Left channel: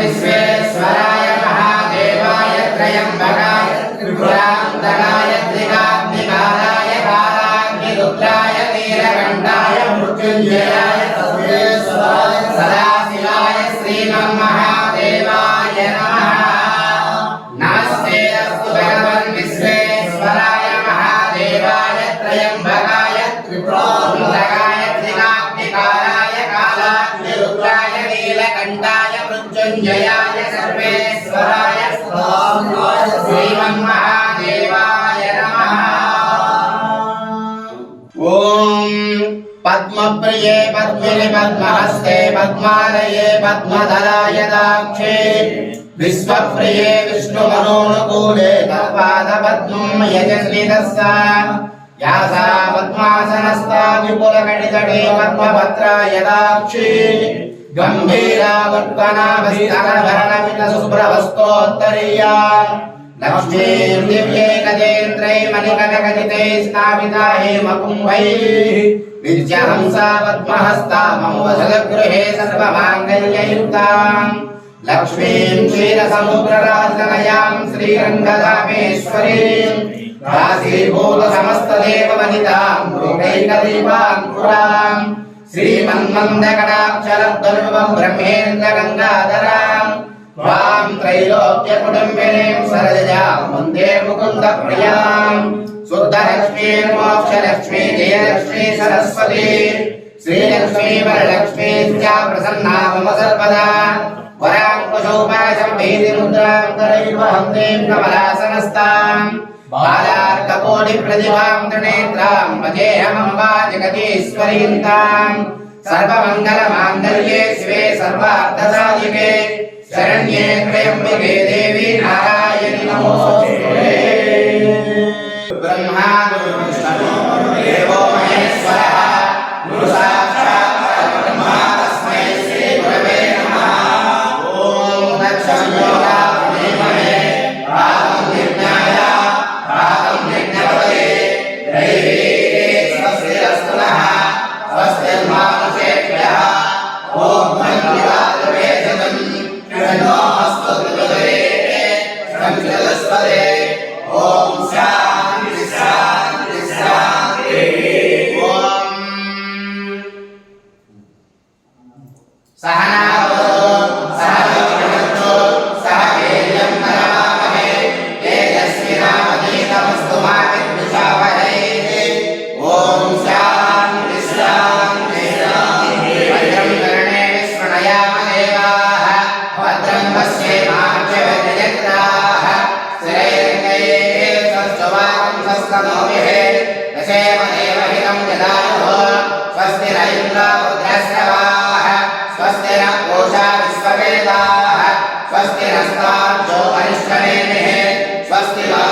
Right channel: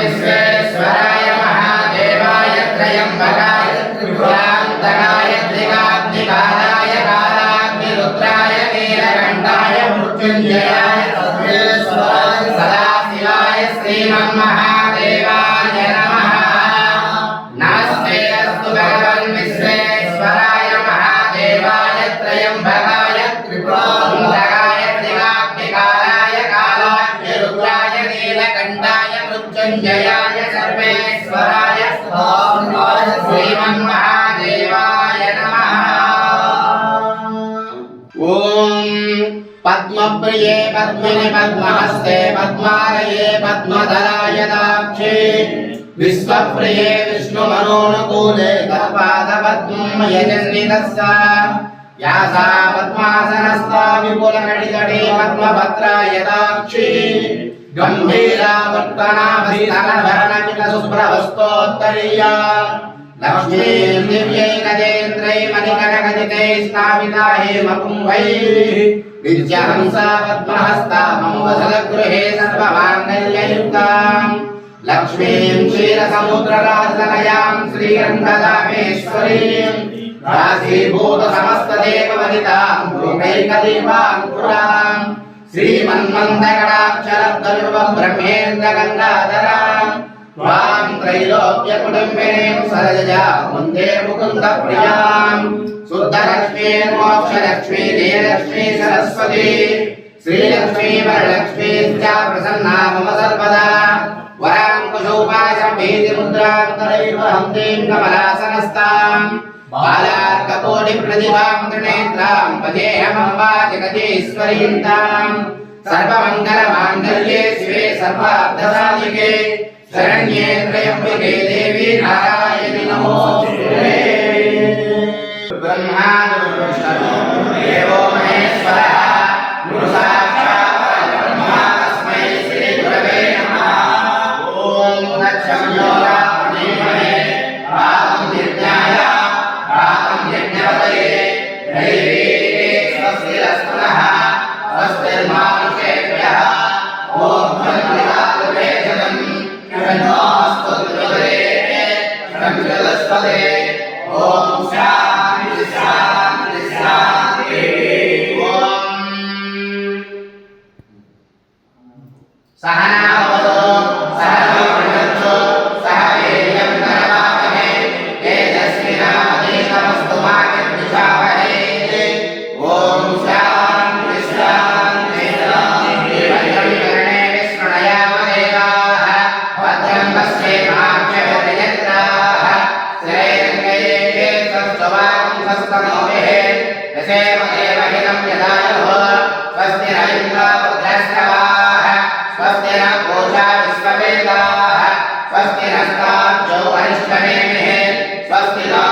विश्वेश्वराय महादेवाय त्र्यंबकाय त्रिपुरान्तकाय त्रिकाग्निकालाय कालाग्निरुद्राय नीलकण्ठाय मृत्युञ्जयाय सर्वेश्वराय सदाशिवाय श्रीमन्महादेवाय नमः। नमस्ते अस्तु भगवन् विश्वेश्वराय महादेवाय त्र्यंबकाय त्रिपुरान्तकाय त्रिकाग्निकालाय कालाग्निरुद्राय नीलकण्ठाय मृत्युञ्जयाय सर्वेश्वराय श्रीमन्महादेवाय नमः। ओम पद्मप्रिये पद्मिनि पद्महस्ते पद्मालये पद्मधराय दाक्षे विश्वप्रिये विष्णुमनोनुकूले तत्पादपद्मं यजस्वितस्सा यासा पद्मासनस्था विपुलकटितटे पद्मपत्राय दाक्षी गंभीरा वत्कनाभस्तनभरणमितशुभ्रवस्तोत्तरीया लक्ष्मीं दिव्यै गजेन्द्रै मणिकटकटितै स्थापिता हेमकुम्भैः विद्याहंसा पद्महस्ता मम वसदगृहे सर्वमाङ्गल्ययुक्तां लक्ष्मीं क्षीरसमुद्रराजतनयां श्रीरङ्गधामेश्वरीं राशीभूतसमस्तदेववनितां लोकैकदीपाङ्कुरां श्रीमन्मन्दकटाक्षरद्वल्लभं ब्रह्मेन्द्रगङ्गाधरां वां त्रैलोक्यकुटुम्बिनीं सरजां वन्दे मुकुन्दप्रियां शुद्धलक्ष्मीं मोक्षलक्ष्मी जयलक्ष्मी सरस्वती श्रीलक्ष्मी वरलक्ष्मी च प्रसन्ना मम सर्वदा वराङ्कुशोपासम्भीतिमुद्रां करैर्वहन्तीं कमलासनस्तां बालार्ककोटिप्रतिभां त्रिनेत्रां भजेऽहमम्बा जगदीश्वरीं तां सर्वमङ्गलमाङ्गल्ये शिवे सर्वार्थसाधिके शरण्ये त्र्यम्बके देवी नारायणि नमोस्तुते। ब्रह्मानुष्ठनो देवो महेश्वरः गुरु साक्षात् परब्रह्म तस्मै श्री गुरवे नमः। ओम दक्षयोगामहे पादं यज्ञाय पादं यज्ञपतये दैवी स्वस्तिरस्तु नः स्वस्तिर्मानुषेभ्यः। ओम मन्दिरालुवेदनं कृण्वास्तु त्रिपदे संचलस्पदे। ओम शान्ति शान्ति शान्ति। ओम सहनावतु सहनौ भुनक्तु सह वीर्यं करवावहै तेजस्विनावधीतमस्तु मा विद्विषावहै। ओम शान्ति शान्ति शान्ति। भद्रं कर्णेभिः शृणुयाम देवाः भद्रं पश्येमाक्षभिर्यजत्राः स्थिरैरङ्गैः स्वस्तिवागं स्वस्तनोभिः दशेम देवहितं यदायुः। स्वस्ति न इन्द्रो वृद्धश्रवाः स्वस्ति न पूषा विश्ववेदाः स्वस्ति नस्तार्क्ष्यो अरिष्टनेमिः स्वस्ति नो